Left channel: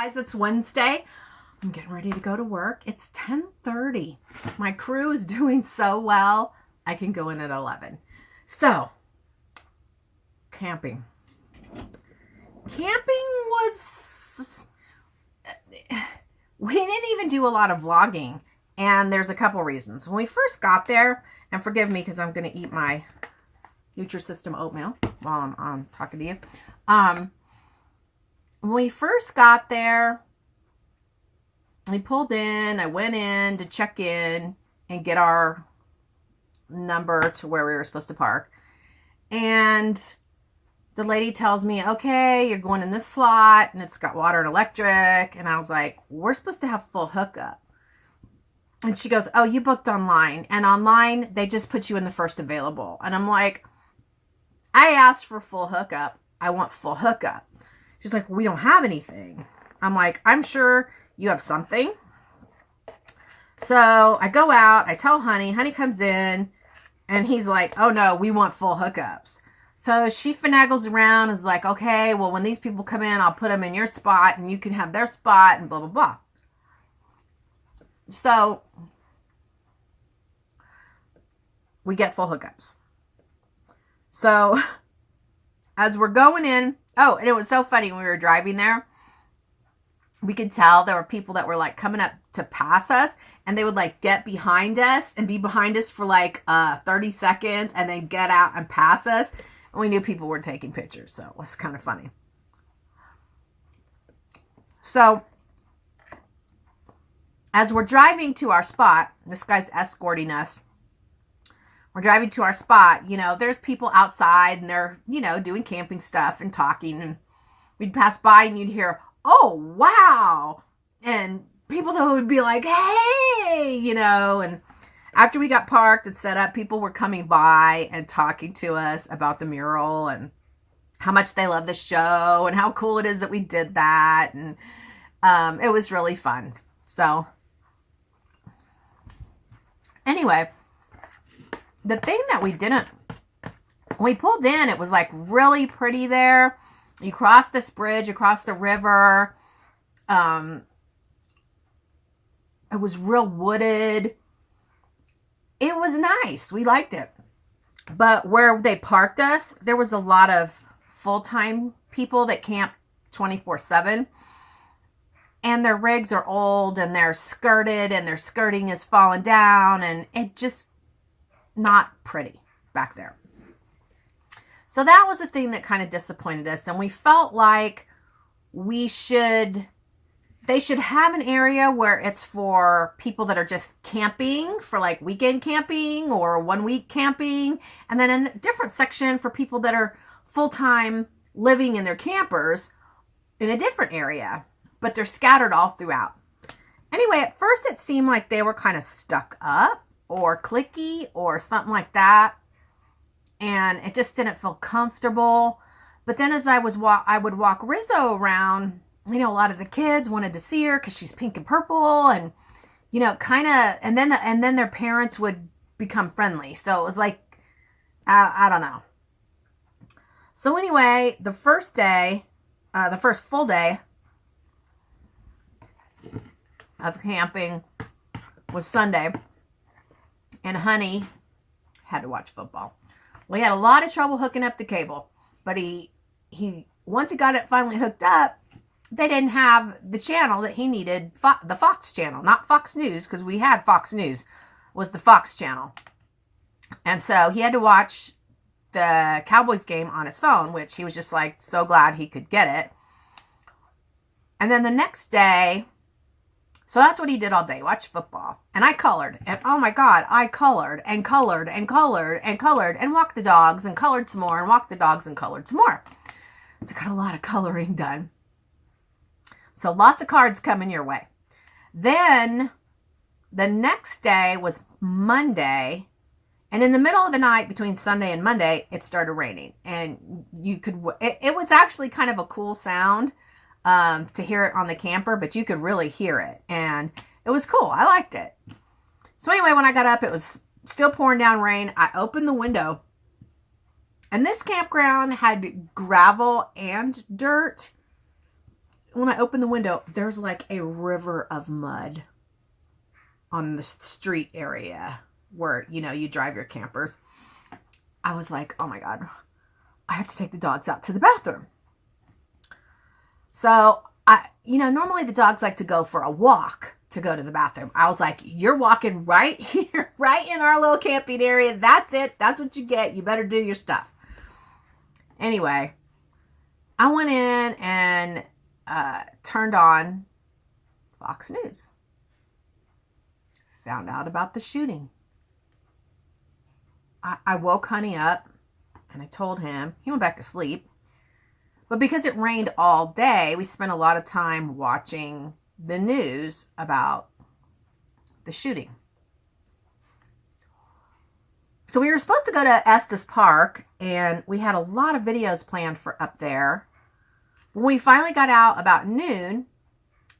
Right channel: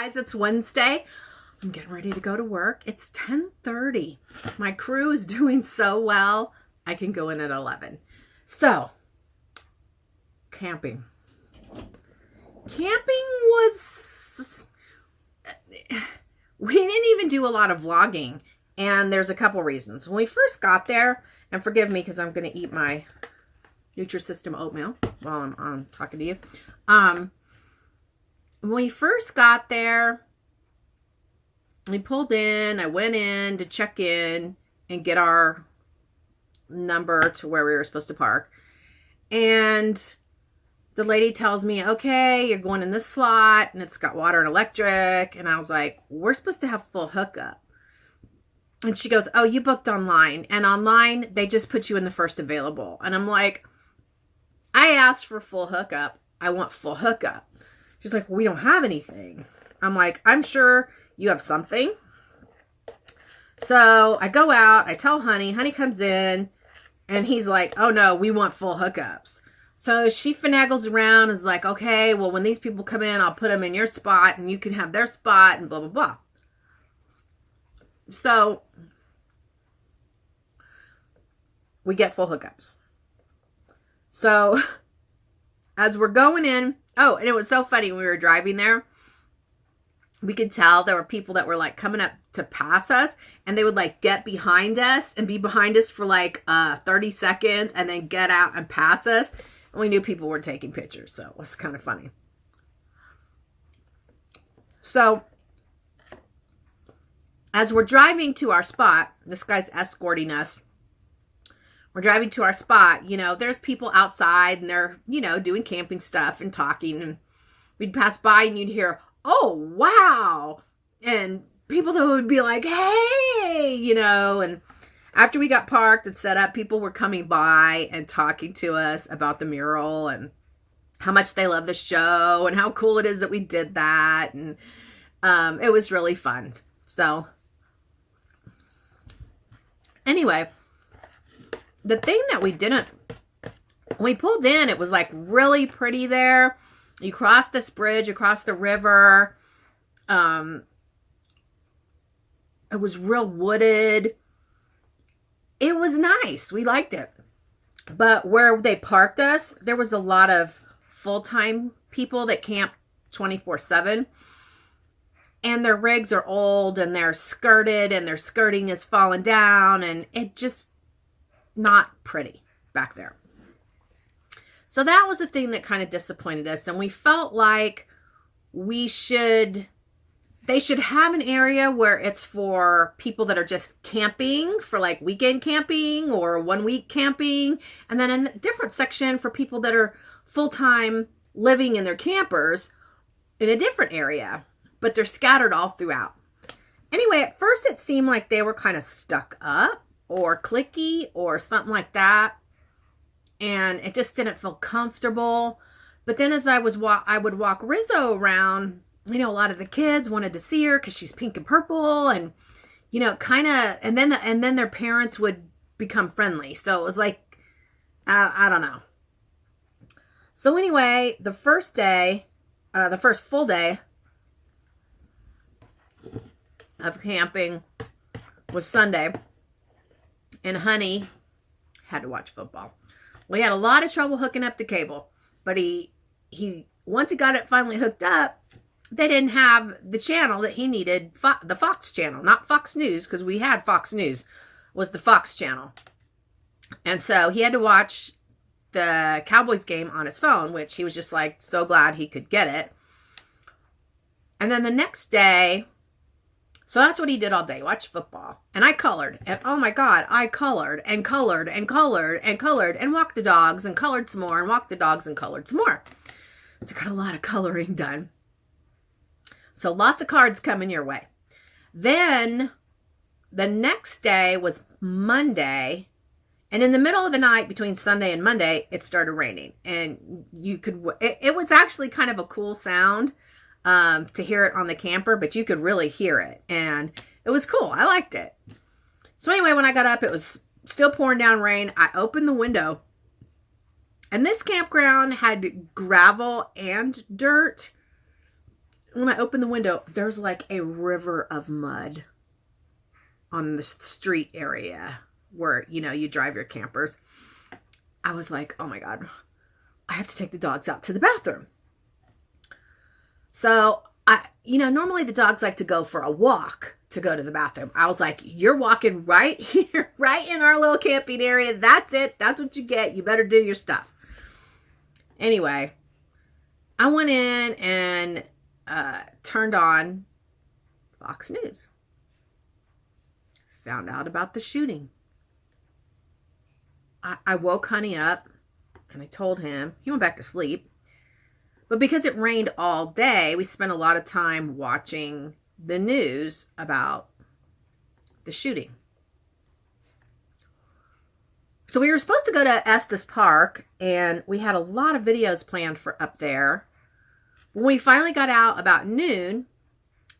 Guys, it's Wednesday. I'm getting ready to go to work. It's 10:30. My crew is doing so well. I can go in at 11. So, camping. Camping was... We didn't even do a lot of vlogging. And there's a couple reasons. When we first got there, and forgive me because I'm going to eat my Nutrisystem oatmeal while I'm talking to you. When we first got there, we pulled in. I went in to check in and get our number to where we were supposed to park. And the lady tells me, okay, you're going in this slot and it's got water and electric. And I was like, we're supposed to have full hookup. And she goes, oh, you booked online. And online, they just put you in the first available. And I'm like, I asked for full hookup. I want full hookup. She's like, we don't have anything. I'm like, I'm sure you have something. So I go out. I tell Honey. Honey comes in. And he's like, oh, no, we want full hookups. So she finagles around and is like, okay, well, when these people come in, I'll put them in your spot. And you can have their spot and blah, blah, blah. So we get full hookups. So as we're going in, oh, and it was so funny when we were driving there, we could tell there were people that were like coming up to pass us, and they would like get behind us and be behind us for like 30 seconds and then get out and pass us. And we knew people were taking pictures, so it was kind of funny. So as we're driving to our spot, this guy's escorting us. We're driving to our spot, you know, there's people outside and they're, you know, doing camping stuff and talking. And we'd pass by and you'd hear, oh, wow. And people that would be like, hey, you know. And after we got parked and set up, people were coming by and talking to us about the mural and how much they love the show and how cool it is that we did that. And it was really fun. So anyway, the thing that we didn't, when we pulled in, it was like really pretty there. You cross this bridge, across the river. It was real wooded. It was nice. We liked it. But where they parked us, there was a lot of full-time people that camp 24/7. And their rigs are old and they're skirted and their skirting is fallen down. And it just not pretty back there. So that was the thing that kind of disappointed us. And we felt like they should have an area where it's for people that are just camping, for like weekend camping or 1 week camping. And then a different section for people that are full-time living in their campers in a different area. But they're scattered all throughout. Anyway, at first it seemed like they were kind of stuck up or clicky or something like that. And it just didn't feel comfortable. But then as I would walk Rizzo around, you know, a lot of the kids wanted to see her because she's pink and purple, and you know, kind of, and then their parents would become friendly. So it was like, I don't know. So anyway, the first full day of camping was Sunday, and Honey had to watch football. We had a lot of trouble hooking up the cable, but he once he got it finally hooked up, they didn't have the channel that he needed, the Fox channel, not Fox News, because we had Fox News, was the Fox channel. And so he had to watch the Cowboys game on his phone, which he was just like so glad he could get it. And then the next day, so that's what he did all day, watch football. And I colored. And oh my God, I colored and colored and colored and colored and walked the dogs and colored some more and walked the dogs and colored some more. So I got a lot of coloring done. So lots of cards coming your way. Then the next day was Monday. And in the middle of the night between Sunday and Monday, it started raining. And it was actually kind of a cool sound. To hear it on the camper, but you could really hear it, and it was cool. I liked it. So anyway, when I got up, it was still pouring down rain. I opened the window, and this campground had gravel and dirt, when I opened the window, there's like a river of mud on the street area where, you know, you drive your campers. I was like, oh my God, I have to take the dogs out to the bathroom. So normally the dogs like to go for a walk to go to the bathroom. I was like, you're walking right here, right in our little camping area. That's it. That's what you get. You better do your stuff. Anyway, I went in and turned on Fox News. Found out about the shooting. I woke Honey up and I told him. He went back to sleep. But because it rained all day, we spent a lot of time watching the news about the shooting. So we were supposed to go to Estes Park, and we had a lot of videos planned for up there. When we finally got out about noon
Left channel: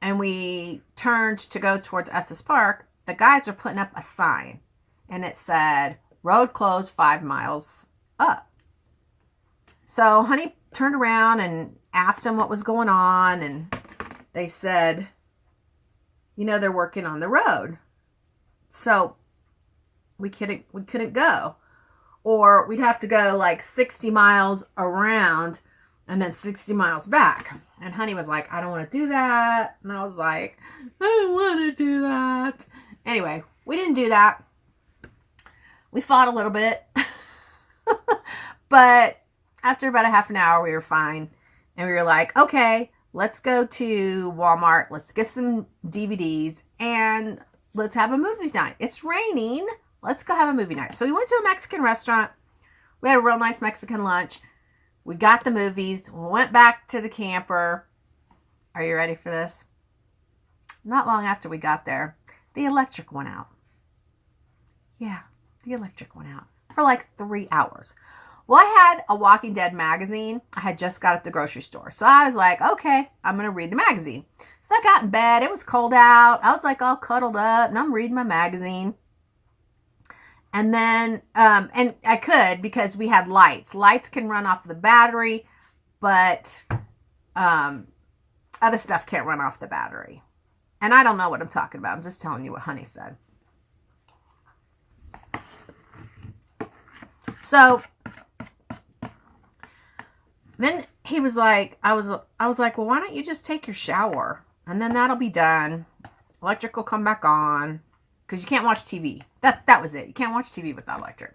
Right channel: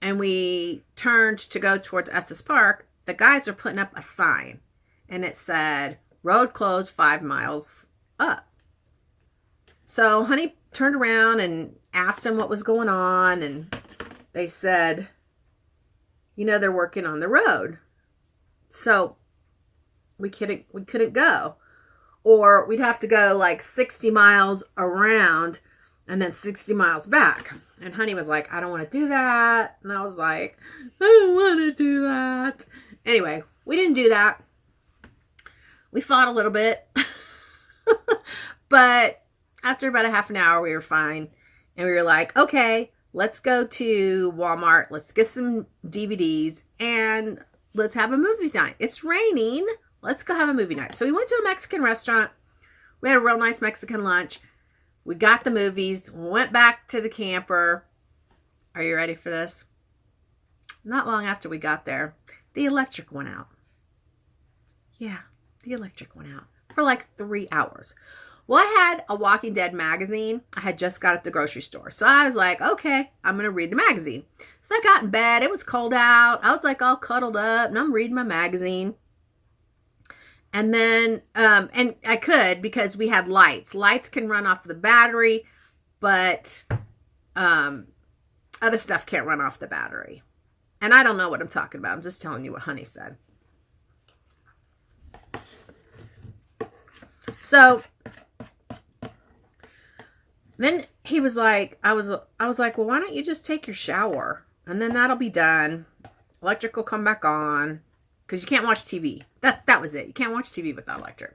and we turned to go towards Estes Park, the guys are putting up a sign, and it said, road closed 5 miles up. So Honey turned around and asked him what was going on, and they said, they're working on the road. So we couldn't go. Or we'd have to go like 60 miles around and then 60 miles back. And Honey was like, I don't want to do that. And I was like, I don't want to do that. Anyway, we didn't do that. We fought a little bit. But after about a half an hour, we were fine. And we were like, okay, let's go to Walmart. Let's get some DVDs and let's have a movie night. It's raining. Let's go have a movie night. So we went to a Mexican restaurant. We had a real nice Mexican lunch. We got the movies. We went back to the camper. Are you ready for this? Not long after we got there, the electric went out. Yeah, the electric went out for like 3 hours. Well, I had a Walking Dead magazine I had just got at the grocery store. So I was like, okay, I'm going to read the magazine. So I got in bed. It was cold out. I was like all cuddled up and I'm reading my magazine. And then, and I could because we had lights. Lights can run off the battery, but other stuff can't run off the battery. And I don't know what I'm talking about. I'm just telling you what Honey said. So then he was like, I was like, well, why don't you just take your shower? And then that'll be done. Electric will come back on. Because you can't watch TV. That was it. You can't watch TV without electric.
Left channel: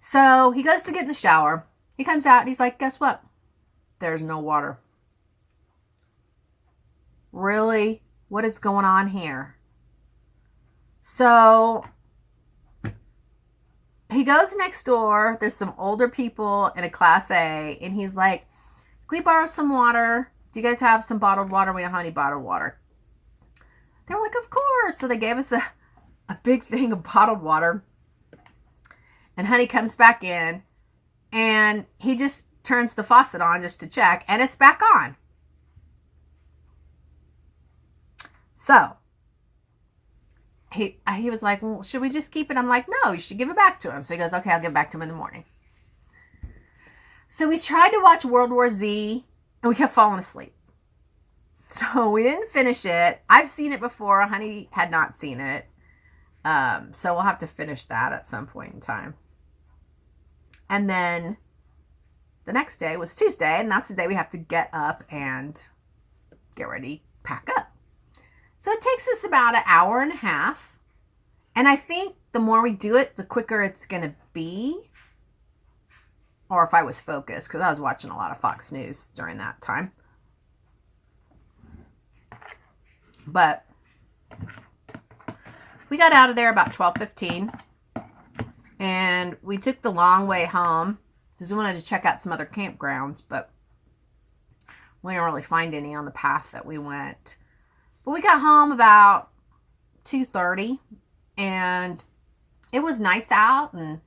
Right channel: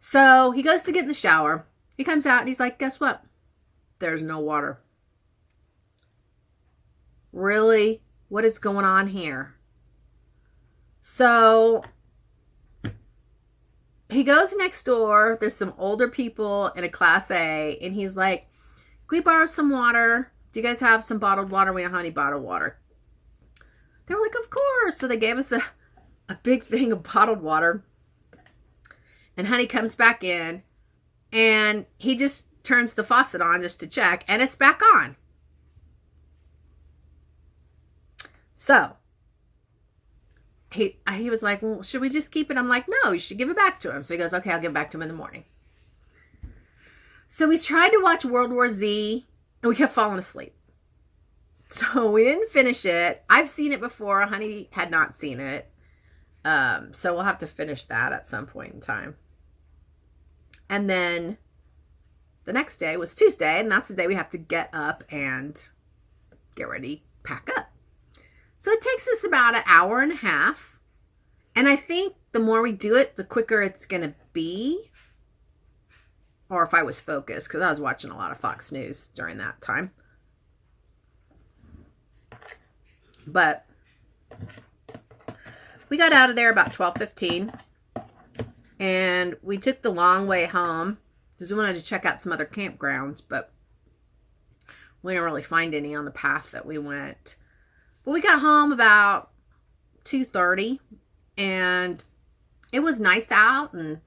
So he goes to get in the shower. He comes out and he's like, guess what? There's no water. Really? What is going on here? So he goes next door. There's some older people in a Class A. And he's like, can we borrow some water? Do you guys have some bottled water? We don't have any bottled water. They were like, of course. So they gave us a big thing of bottled water. And Honey comes back in. And he just turns the faucet on just to check. And it's back on. So he was like, well, should we just keep it? I'm like, no, you should give it back to him. So he goes, okay, I'll give it back to him in the morning. So we tried to watch World War Z. And we kept falling asleep. So we didn't finish it. I've seen it before. Honey had not seen it. So we'll have to finish that at some point in time. And then the next day was Tuesday. And that's the day we have to get up and get ready, pack up. So it takes us about an hour and a half. And I think the more we do it, the quicker it's going to be. Or if I was focused, because I was watching a lot of Fox News during that time. But we got out of there about 12:15, and we took the long way home because we wanted to check out some other campgrounds, but we didn't really find any on the path that we went. But we got home about 2:30, and it was nice out, and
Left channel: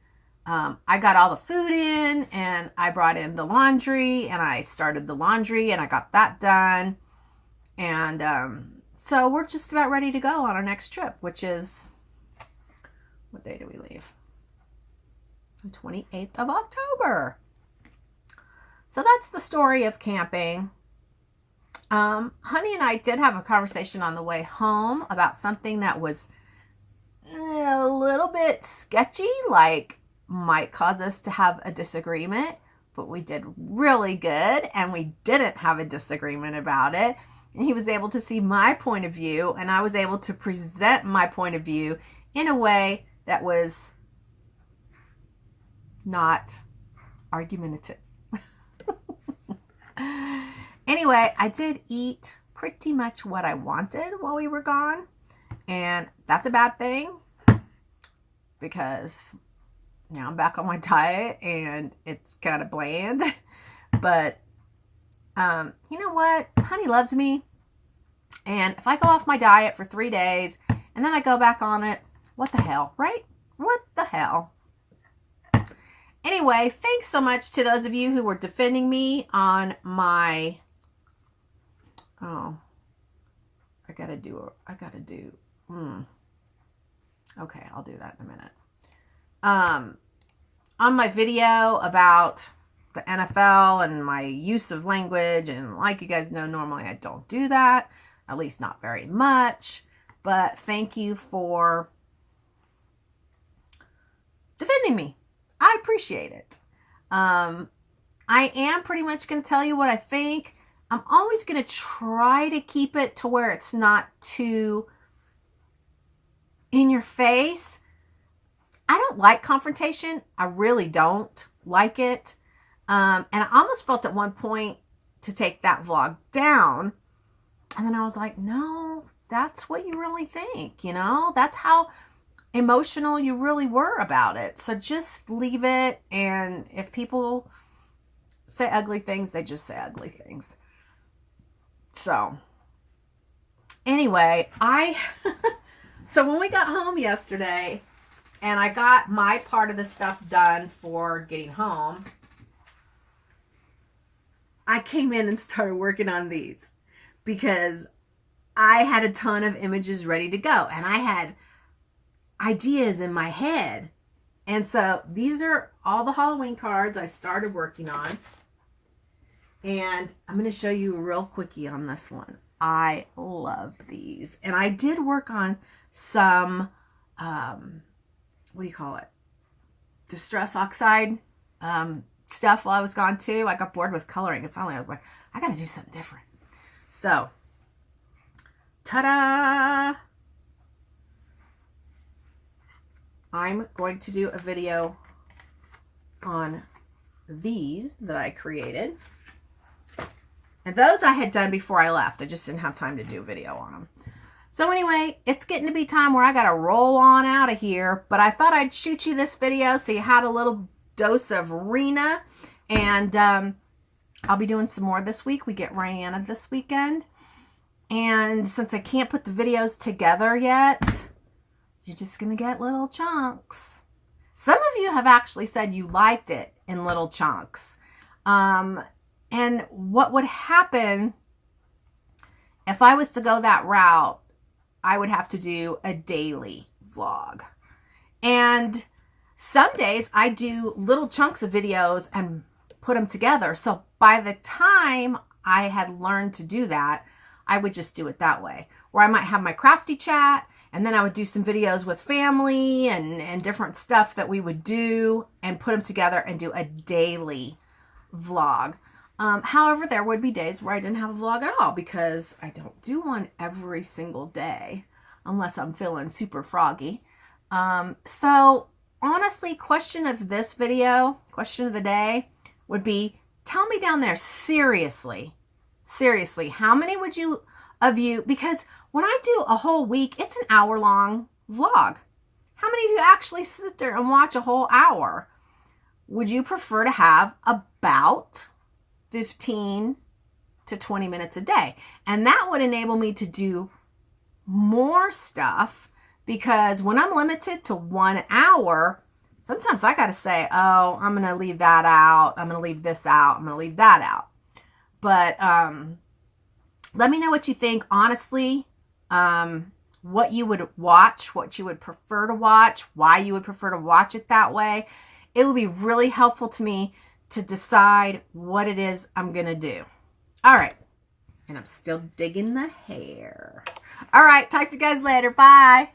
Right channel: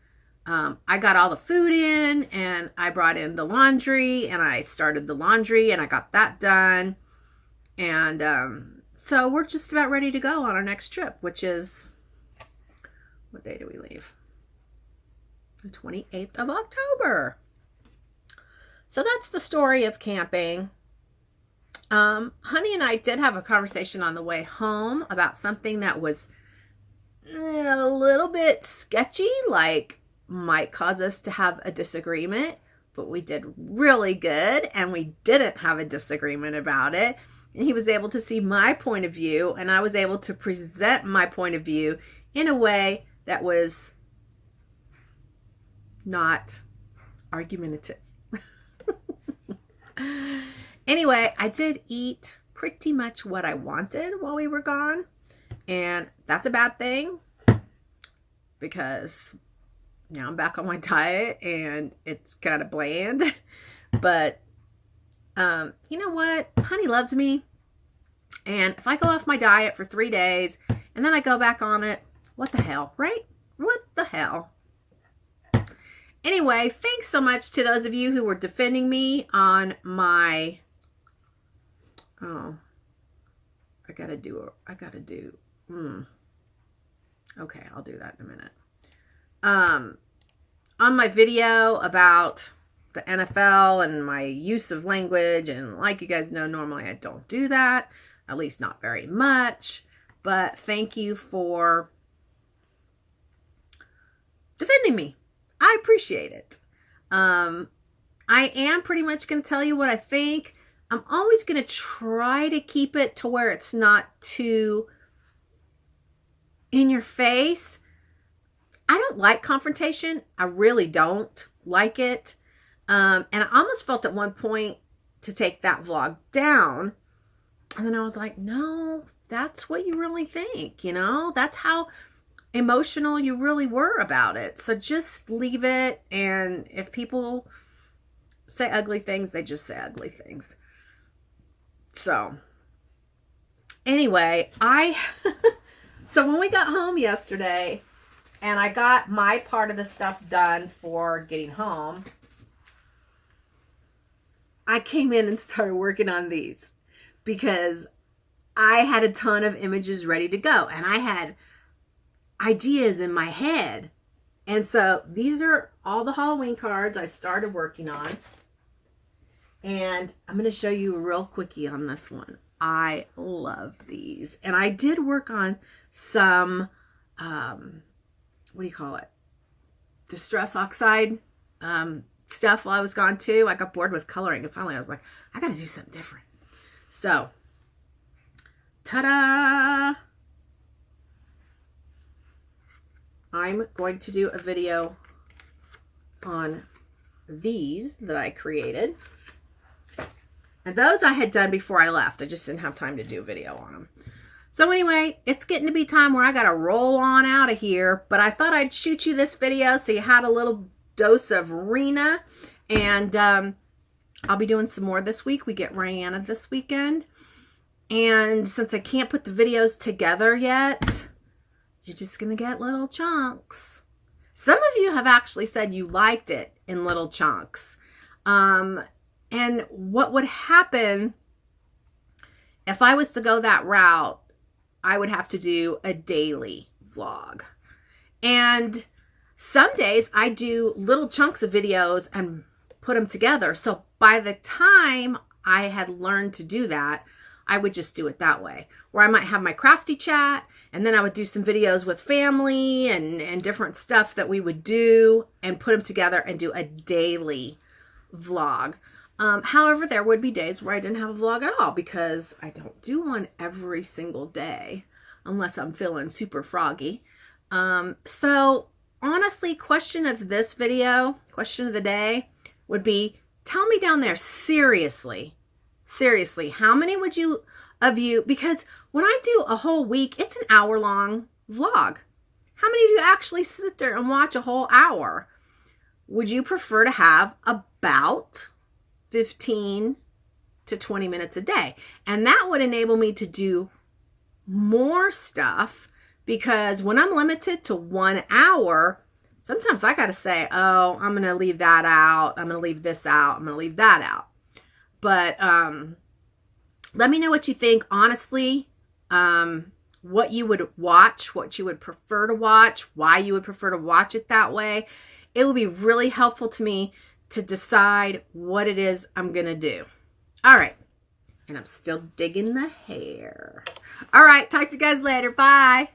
I got all the food in, and I brought in the laundry, and I started the laundry, and I got that done, and so we're just about ready to go on our next trip, which is, what day do we leave? The 28th of October. So that's the story of camping. Honey and I did have a conversation on the way home about something that was a little bit sketchy, like might cause us to have a disagreement, but we did really good and we didn't have a disagreement about it. And he was able to see my point of view, and I was able to present my point of view in a way that was not argumentative. Anyway, I did eat pretty much what I wanted while we were gone, and that's a bad thing because now I'm back on my diet and it's kind of bland. But you know what? Honey loves me, and if I go off my diet for 3 days and then I go back on it, what the hell, right? What the hell? Anyway, thanks so much to those of you who were defending me on my, okay, I'll do that in a minute. On my video about the NFL and my use of language, and like you guys know, normally I don't do that, at least not very much, but thank you for defending me. I appreciate it. I am pretty much going to tell you what I think. I'm always going to try to keep it to where it's not too in your face. I don't like confrontation. I really don't like it. And I almost felt at one point to take that vlog down. And then I was like, no, that's what you really think, you know? That's how emotional you really were about it. So just leave it. And if people say ugly things, they just say ugly things. So anyway, so when we got home yesterday and I got my part of the stuff done for getting home, I came in and started working on these because I had a ton of images ready to go and I had ideas in my head. And so these are all the Halloween cards I started working on. And I'm going to show you a real quickie on this one. I love these. And I did work on some, what do you call it? Distress oxide stuff while I was gone too. I got bored with coloring and finally I was like, I got to do something different. So, ta-da! I'm going to do a video on these that I created. And those I had done before I left. I just didn't have time to do a video on them. So anyway, it's getting to be time where I got to roll on out of here. But I thought I'd shoot you this video so you had a little dose of Rena. And I'll be doing some more this week. We get Rihanna this weekend. And since I can't put the videos together yet, you're just going to get little chunks. Some of you have actually said you liked it in little chunks. And what would happen if I was to go that route, I would have to do a daily vlog. And some days I do little chunks of videos and put them together. So by the time I had learned to do that, I would just do it that way. Where I might have my crafty chat, and then I would do some videos with family and different stuff that we would do and put them together and do a daily vlog. However, there would be days where I didn't have a vlog at all because I don't do one every single day unless I'm feeling super froggy. So honestly, question of the day would be, tell me down there, seriously, how many would you, because when I do a whole week, it's an hour-long vlog. How many of you actually sit there and watch a whole hour? Would you prefer to have about 15 to 20 minutes a day? And that would enable me to do more stuff, because when I'm limited to 1 hour, sometimes I got to say, oh, I'm going to leave that out. I'm going to leave this out. I'm going to leave that out. But let me know what you think, honestly, what you would watch, what you would prefer to watch, why you would prefer to watch it that way. It will be really helpful to me to decide what it is I'm going to do. All right. And I'm still digging the hair. All right. Talk to you guys later. Bye.